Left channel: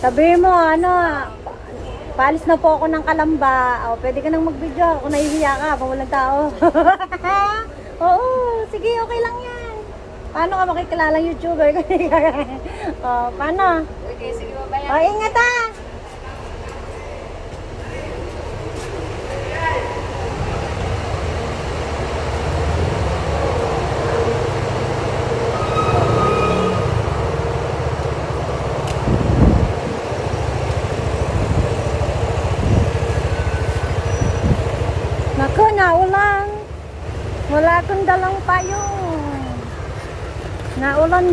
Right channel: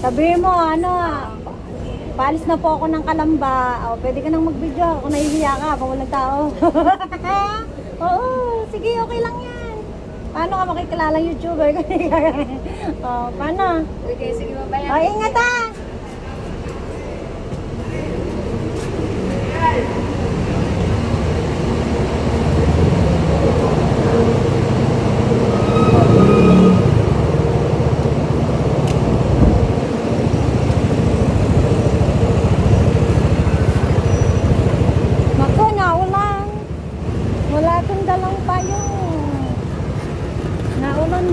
Sabihin mo, ano, Palis na po ako ng kalamba. O, pwede ka nang mag-video. Kung nahihiya ka, kung walang tao. Oo, sige, okay lang yan. Paano ka makikilala YouTuber? o, oh, paano? Okay, sige, mabayaran. O, ingat ah!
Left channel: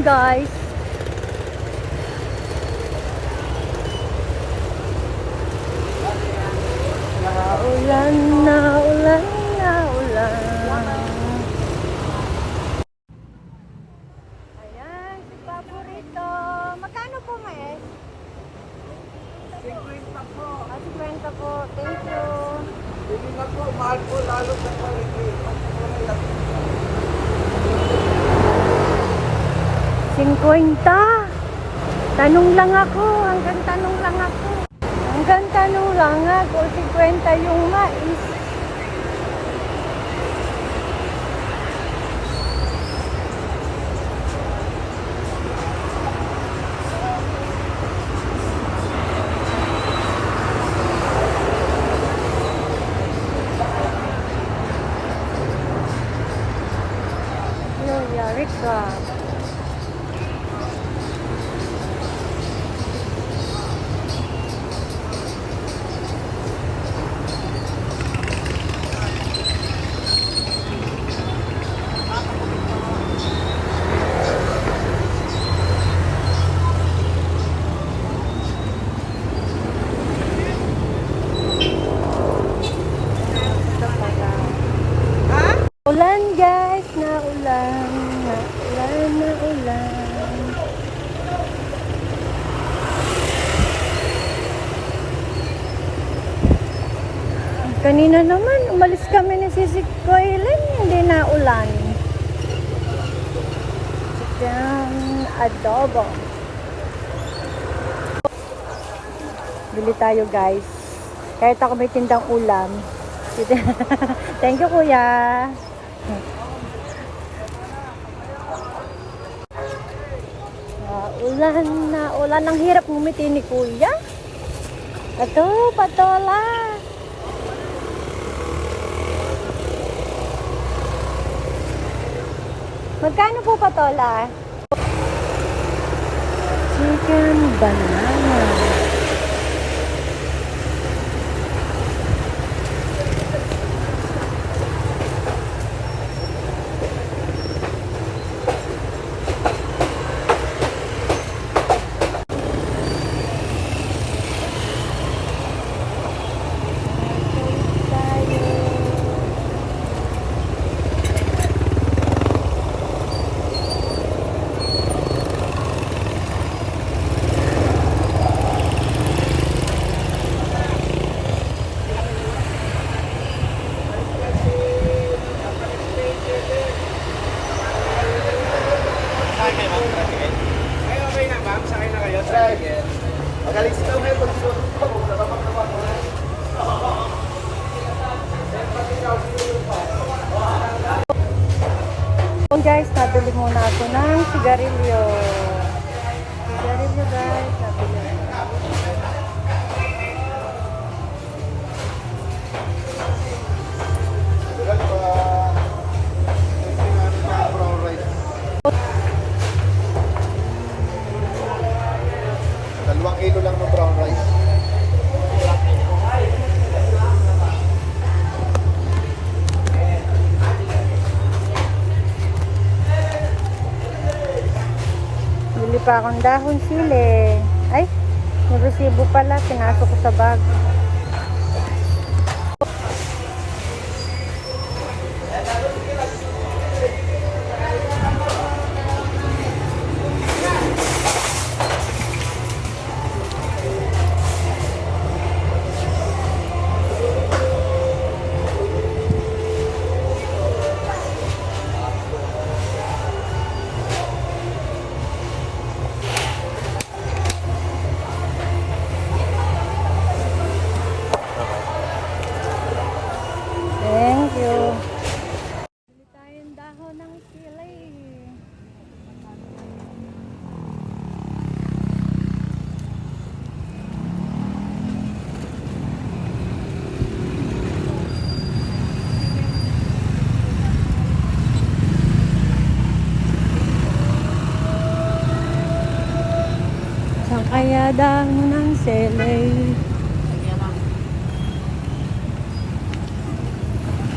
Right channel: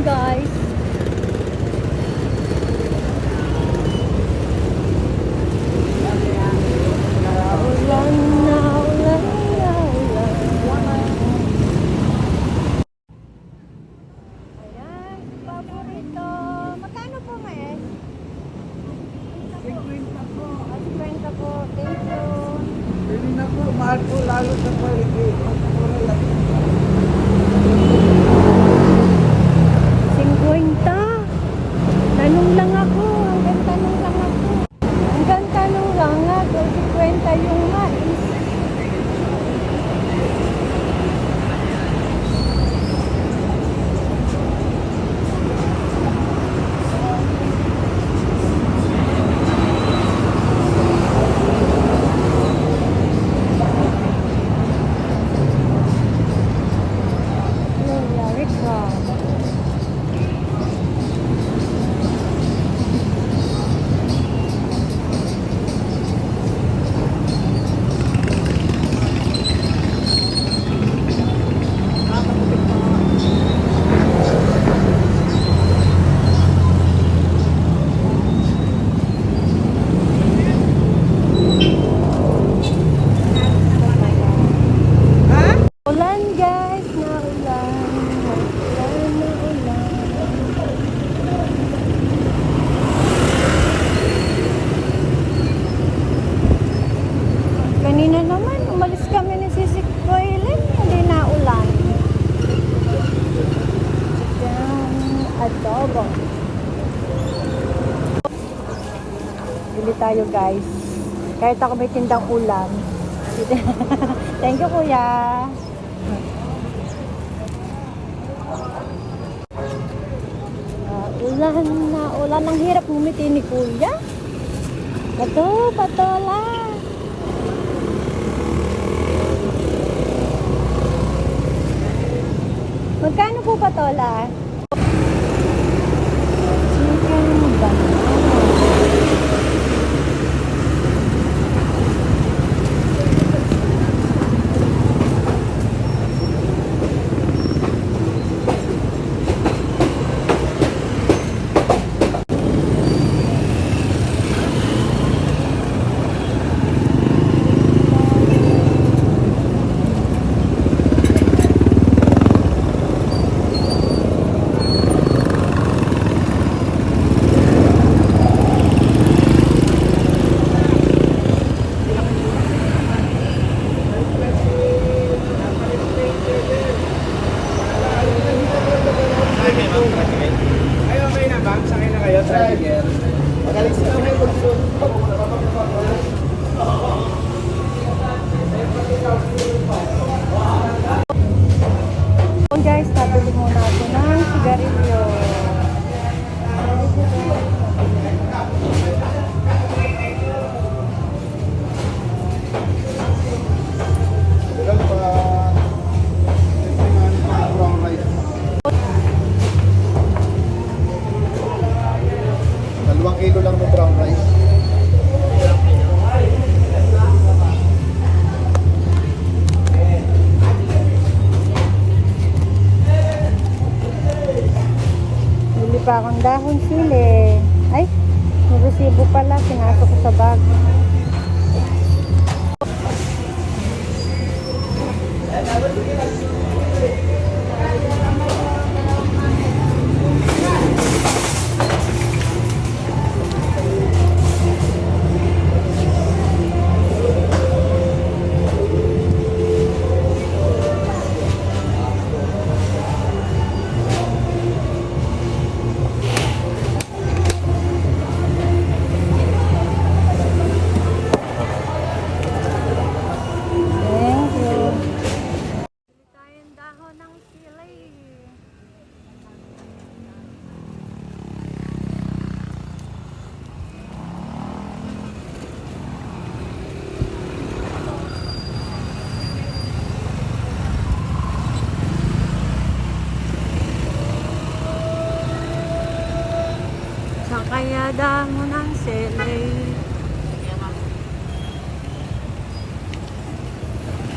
guys. nakita ko may tindang ulam. Thank you, kuya. Ulan na, ulan. Ang hirap ngumiti ni kuya. Ito, patola. Magkano po patola? Chicken banana.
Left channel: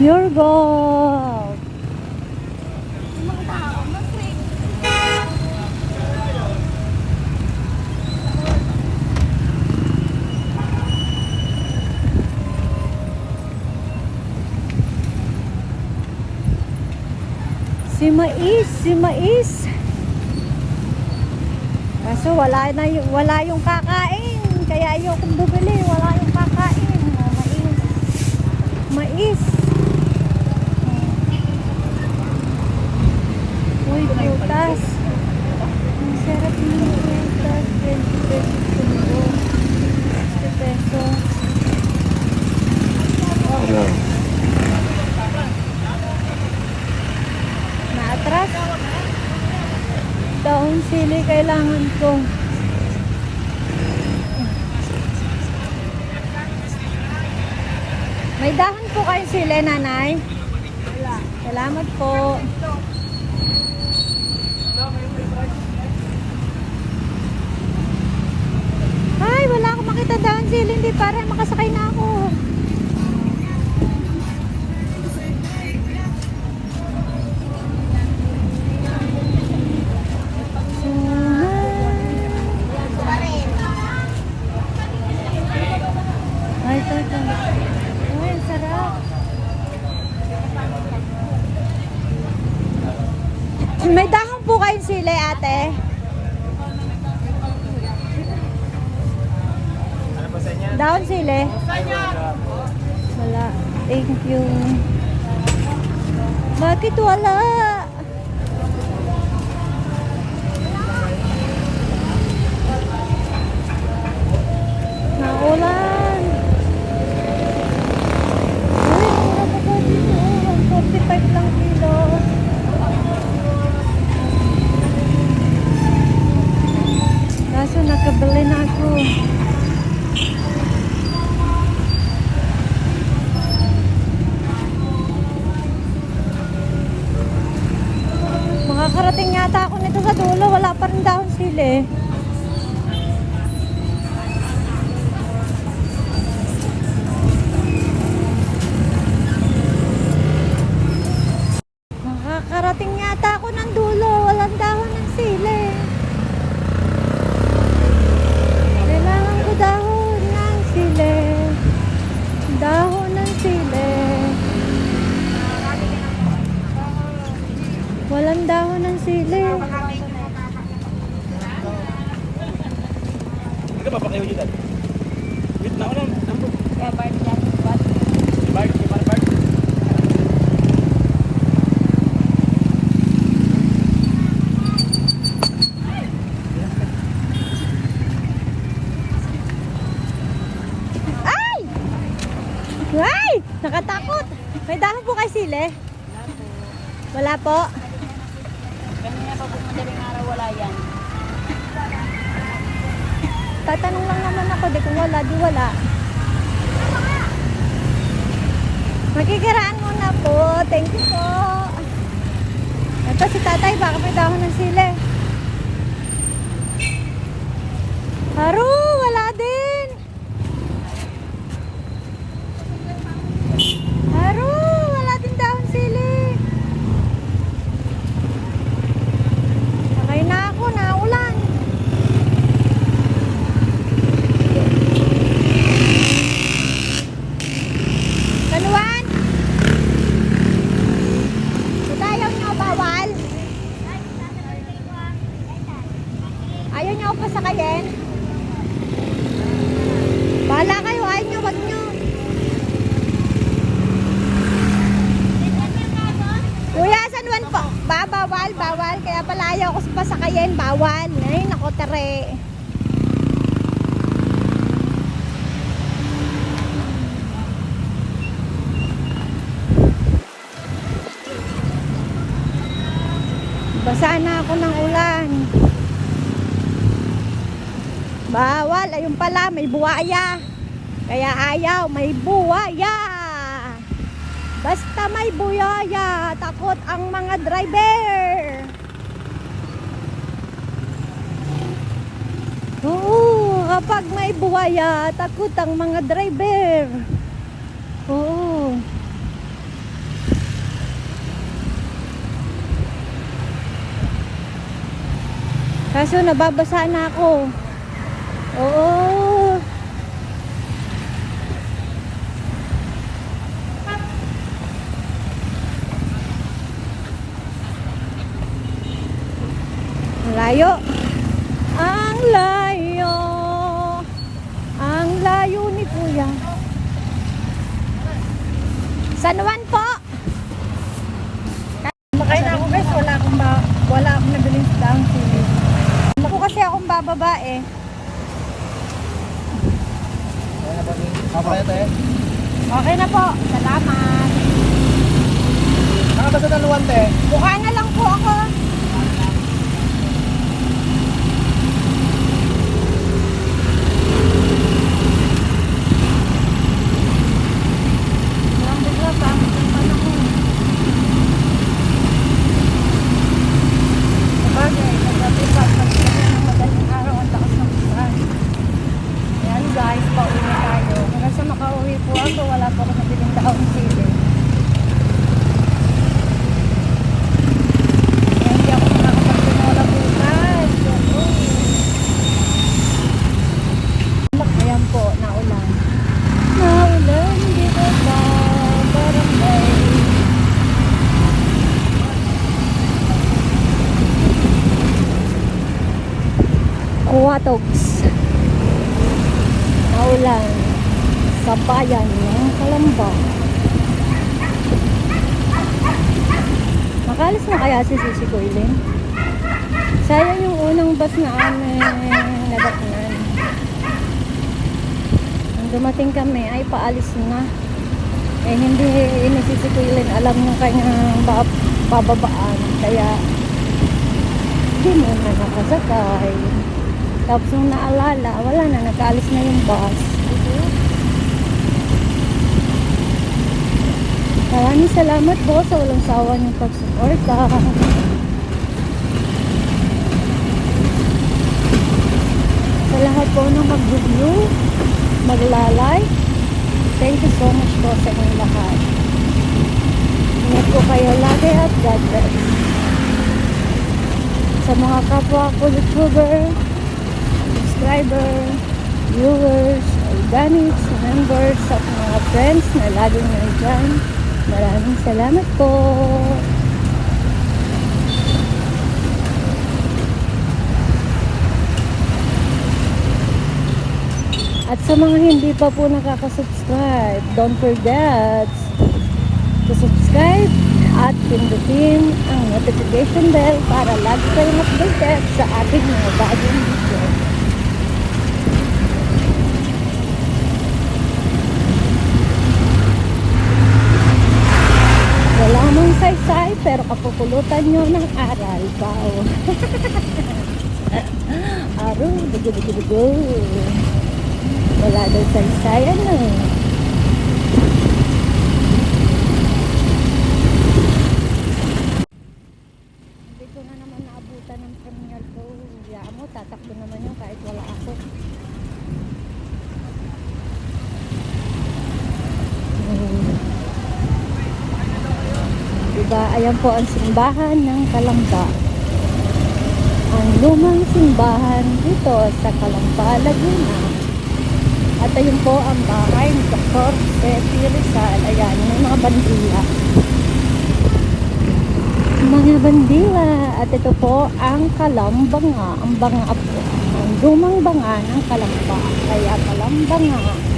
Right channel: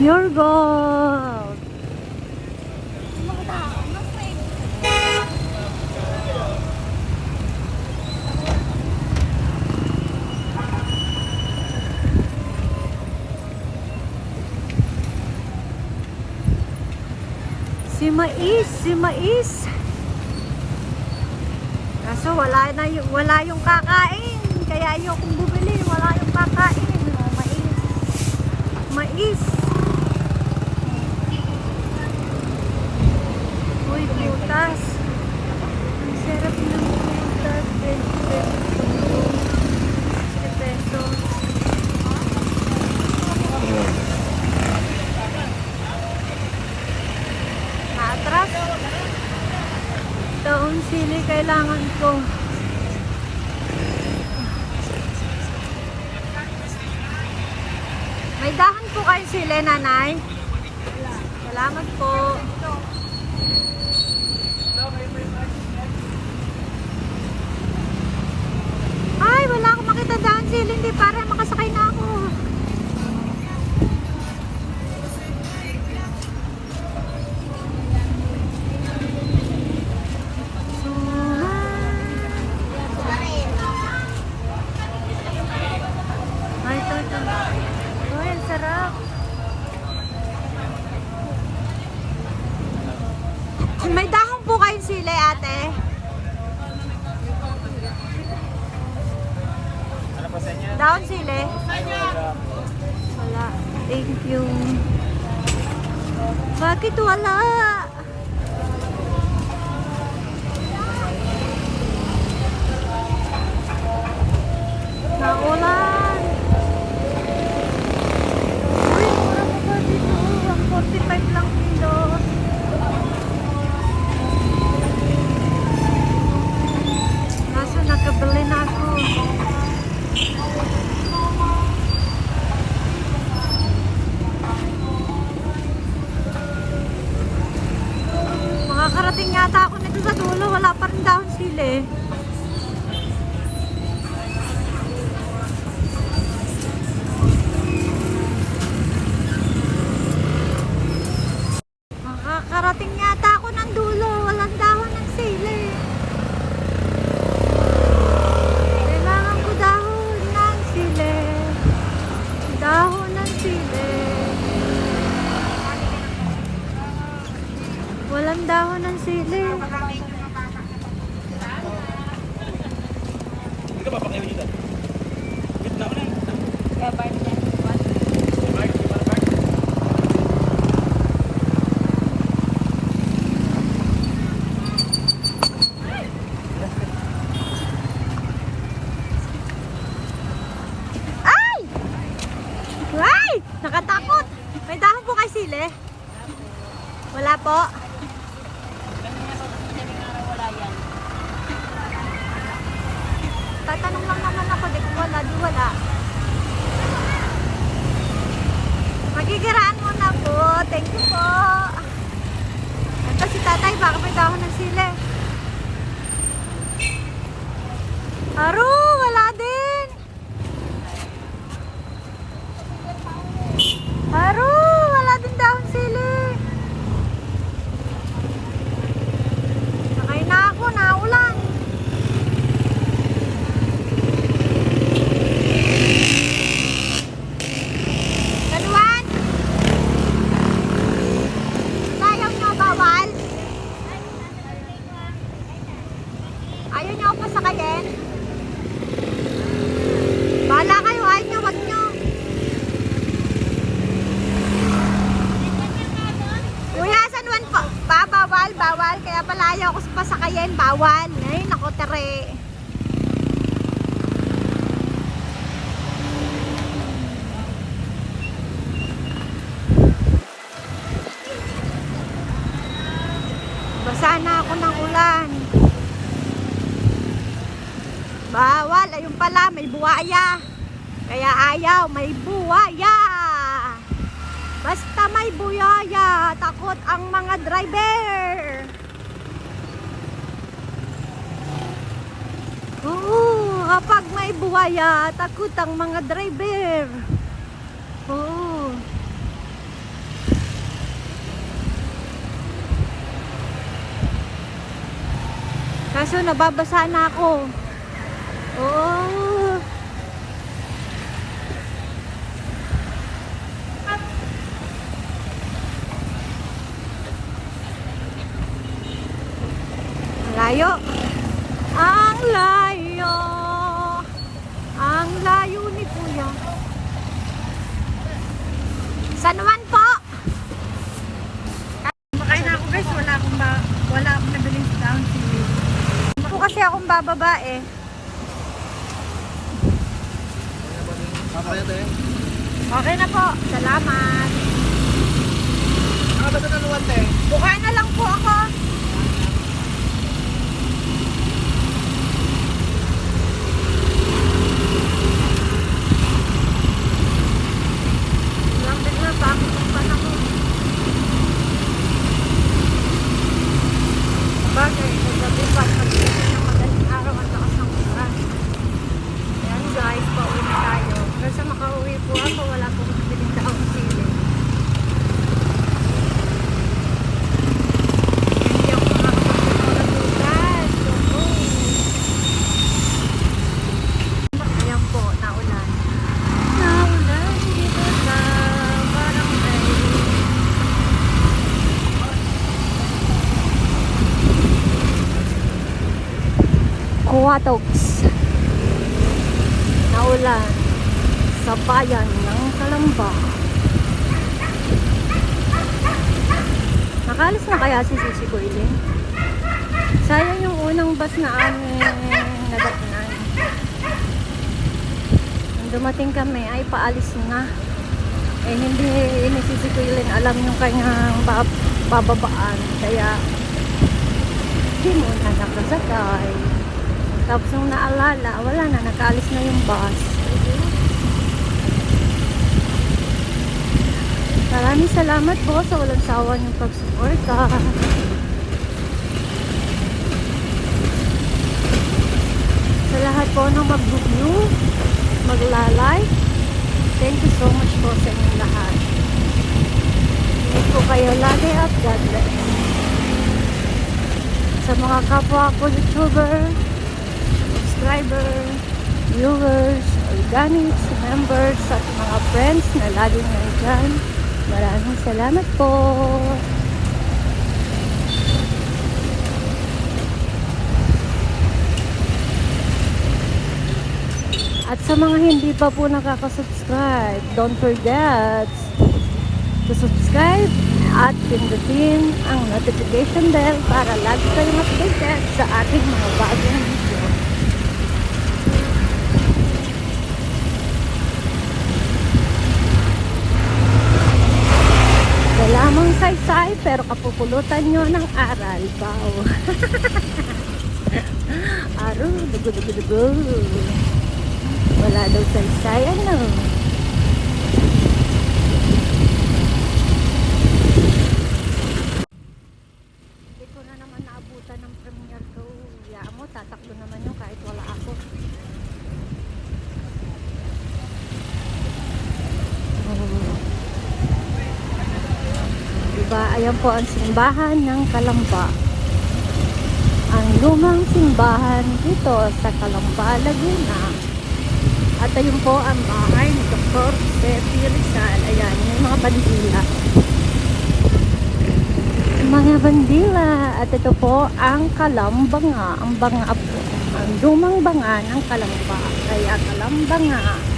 Pure gold. Si mais, si mais. Kaso wala na wala yung kakain. Kaya ayaw kong bumili. Wala yung kakain. Mais. Mais. taas. Ang sarap ng kwenta. 20 pesos po yun. 20 pesos. Okay. Maatras. Taong sili kailangan kong May dahan po kayo sila, nanay. May buwaya, takot ang mga driver. Oo. Kaso nababasa na ako. Oo. Layo. Ang layo. Ang layo ni Kuya. San Juan po. Makain na ako guys, wala akong ba wala akong nabiling down sili. Ako bababa eh. Okay na po. Salamat. Nakabasa ng luwan te. Buka na lang po ako. Lang bigla pa ang panahon. Sabagay, naggabi pa pag ng madaling araw ang lakas ng ulan. Yan guys, pauwi na tayo. Hanggang sa makauwi po ako, wala po ako nabiling taong sili. Kaya hindi ako makakapagpinola bukas. Oo. Ayan po, naulan. Naulan dito sa barangay. Kuwatogs. Naulan sa bayan ng Kalamba. Nakalis na kaya si Sisi Goyling? Sayang yung unang bus na aming nadatnan. Nung dumating kami ay paalis na. Eh hindi ni Sisi Goyling alam ng kanyang ba- bababaan. Kaya hindi mo na nakasakay. Tapos nung naalala, wala na, nakaalis na yung bus. Maraming salamat po sa walang sawa niyong pagsuporta. Sa lahat po ng mag-review, magla-like, thank you so much po sa inyong lahat. Ingat po kayo lagi at God bless. Sa mga kapwa ko YouTuber, subscriber, viewers, organics, members, at mga friends na laging nandyan. Maraming salamat po. Sa mga hindi pa po nakaka-subscribe, don't forget to subscribe at pindutin ang notification bell para lagi kayong updated sa ating mga bagong video. Wala mong saysay pero kapupulutan nyo ng aral. Wow. Aro, dugo, dugo, dugo. Wala daw saysay, ano? Hindi na naman naabutan ng premiere ko. Kaya mo, tatakbo naman yun kahit wala ako. Diba, ayan po ang simbahan ng Kalamba. Ang lumang simbahan dito sa Kalamba, Laguna. At ayun po ang bahay ni Dr. Sepi Rizal. Ayan, yung mga bandila. Mga bandila. At ito po ang Kalambanga. Ang banga po. Ang lumang banga ng Kalamba. Kaya Kalambanga.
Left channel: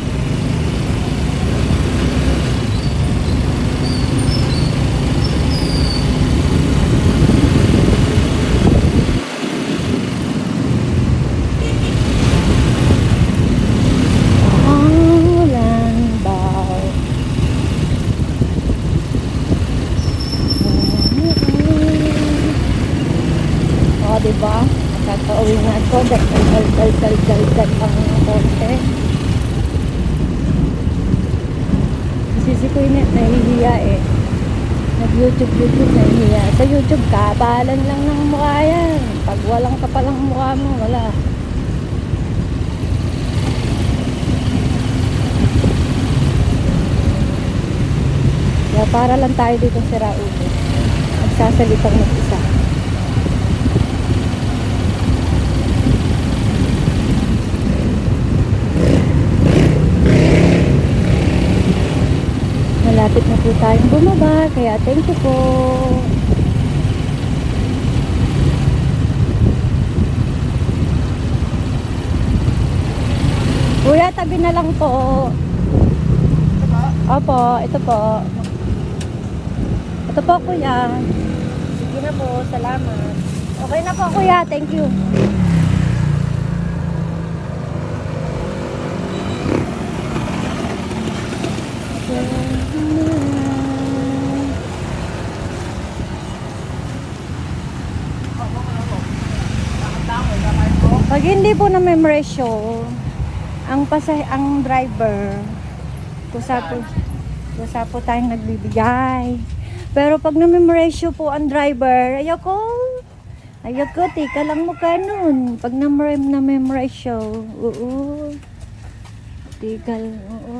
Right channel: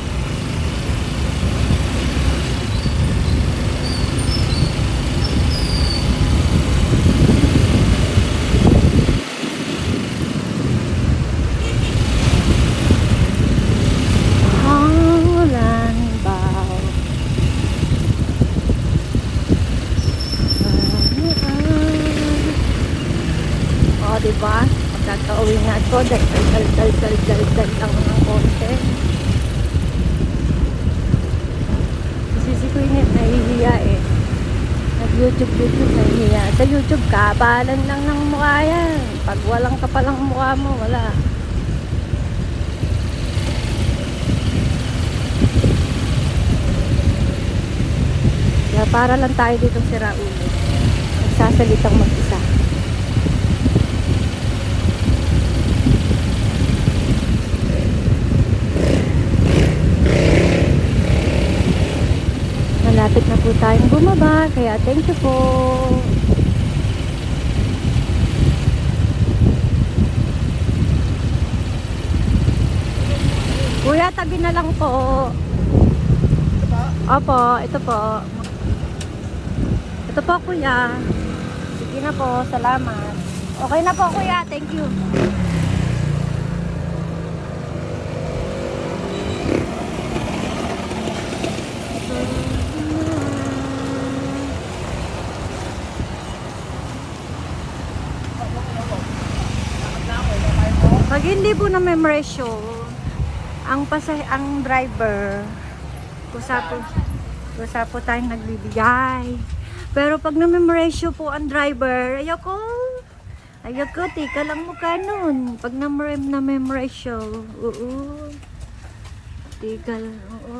ko yun, nahihiya eh. Nag-YouTube, YouTube, nahihiya. Sa YouTube, kabalan lang ng mukha yan. Pag walang kapalang mukha mo, wala. So, para lang tayo dito sa Raulo. Nagsasalitang mag-isa. Malapit na po tayong bumaba, kaya thank you po. Kuya, tabi na lang po. Opo, ito po. Ito po, kuya. Sige na po, salamat. Okay na po, kuya. Thank you. Po na memorisyo, ang pasay ang driver, kusa po, kusa po tayong nagbibigay. Pero pag na-memorisyo po ang driver, ayoko, ayoko, tika lang mo ka. Pag na-memorize na memorisyo, oo. Tika, oo.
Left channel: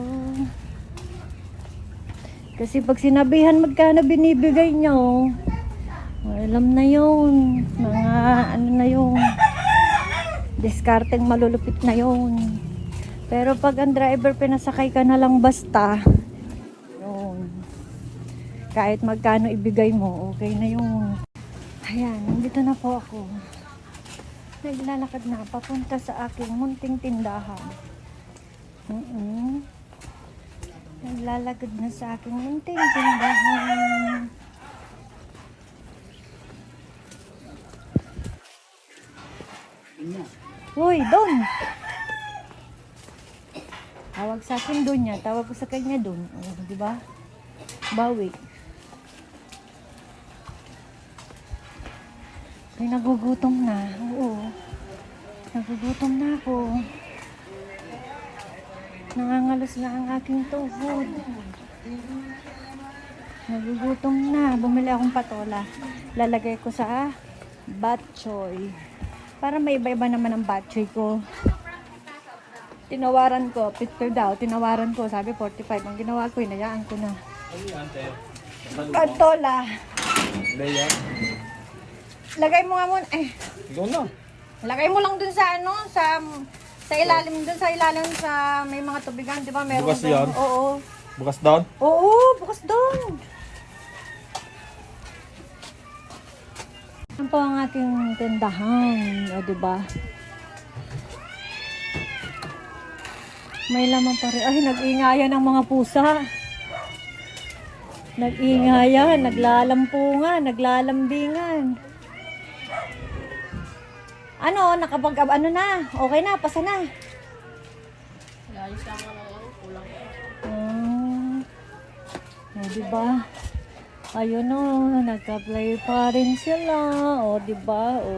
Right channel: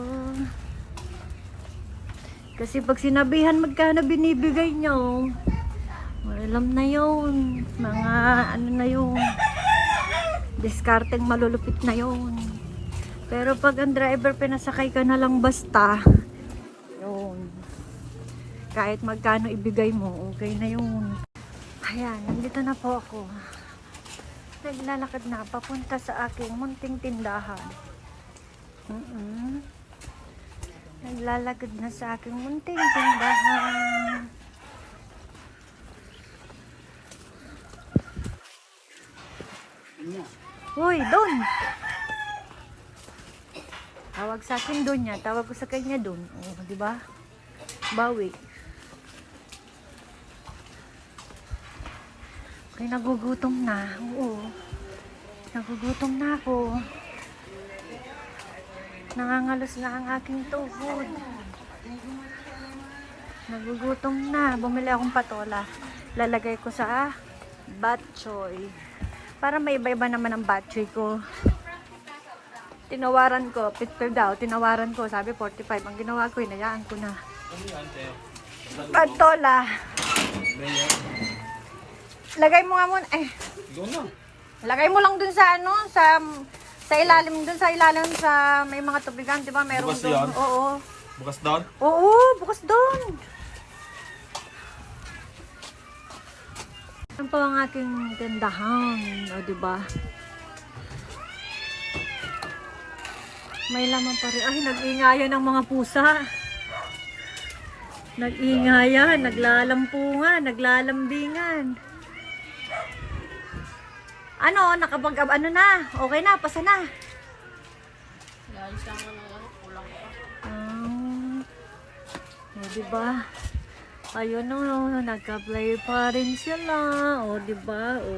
Kasi pag sinabihan magkano binibigay nyo, alam na yun. Mga ano na yung diskarteng malulupit na yun. Pero pag ang driver pinasakay ka na lang basta, yun. Kahit magkano ibigay mo, okay na yun. Ayan, nandito na po ako. Naglalakad na papunta sa aking munting tindahan. Mm Naglalakad na sa aking munting tindahan. Hoy, doon! Tawag sa akin doon niya. Tawag ko sa kanya doon. Oh, di ba? Bawi. Kaya nagugutom na. Oo. Nagugutom na ako. Nangangalos na ang aking tuhod. Nagugutom na. Bumili akong patola. Lalagay ko sa batchoy. Para may iba-iba naman ang batchoy ko. Tinawaran ko, 50 daw, tinawaran ko, sabi 45. Ang ginawa ko, inayaan ko na. Ano. Leia? Lagay mo nga muna, eh, Ikaw na. lagay mo lang dun sa ano, sa sa ilalim dun sa ilalim sa may mga tubigan, 'di ba? Meron Bukas dun. yan? Oo. Bukas doon? Oo, bukas doon. Yan po ang aking tindahan, o di ba? May laman pa rin. Ay, nag-ingayan ng mga pusa. Nag-ingayan, naglalampungan, naglalambingan. Ano, nakapag, ano na, okay na, pasa na. Ayos lang naman kulang. Ah, eh, di ba? Ayun o, nagka-play pa rin sila. O, di ba? O.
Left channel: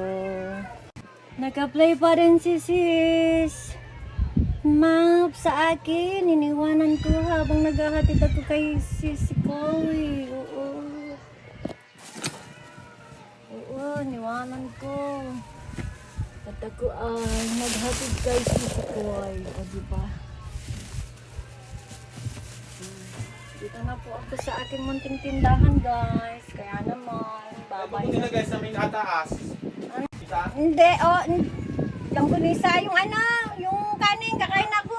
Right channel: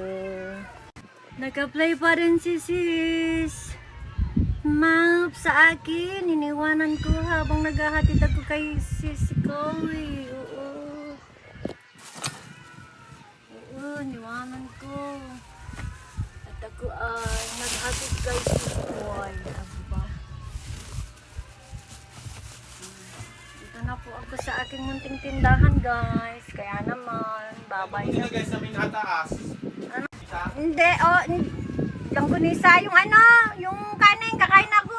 Nagka-play pa rin si sis. Map sa akin, iniwanan ko habang naghahatid ako kay sis Chloe. Oo. Oo, iniwanan ko. At ako ay naghatid kay sis Chloe. O, di ba? Dito na po ako sa aking munting tindahan, guys. Kaya naman, babay. Ito guys sa may nakataas. Ano? Isa? Hindi, oh, n- langgunisa, yung ano, yung kanin, kakain ako.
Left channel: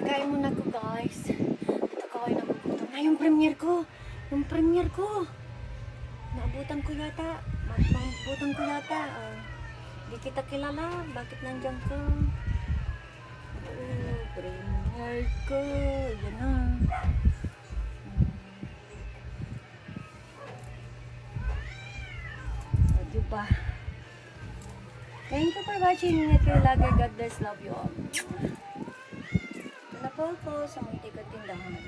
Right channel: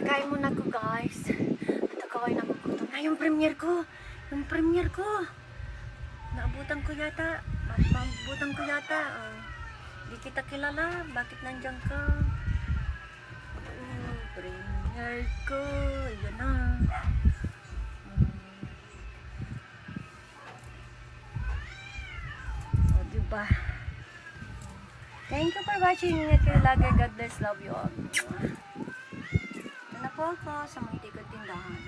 Kakain muna ko, guys. At ako ay nagugutom na yung premiere ko. Yung premiere ko. Naabutan ko yata. Naabutan ko yata. Oh. Di kita kilala. Bakit nandyan ka? Oh, premiere ko. Yan na. O, diba? Thank you for watching. Ingat kayo lagi. God bless. Love you all. Ito na po ako sa muntik at tindahan.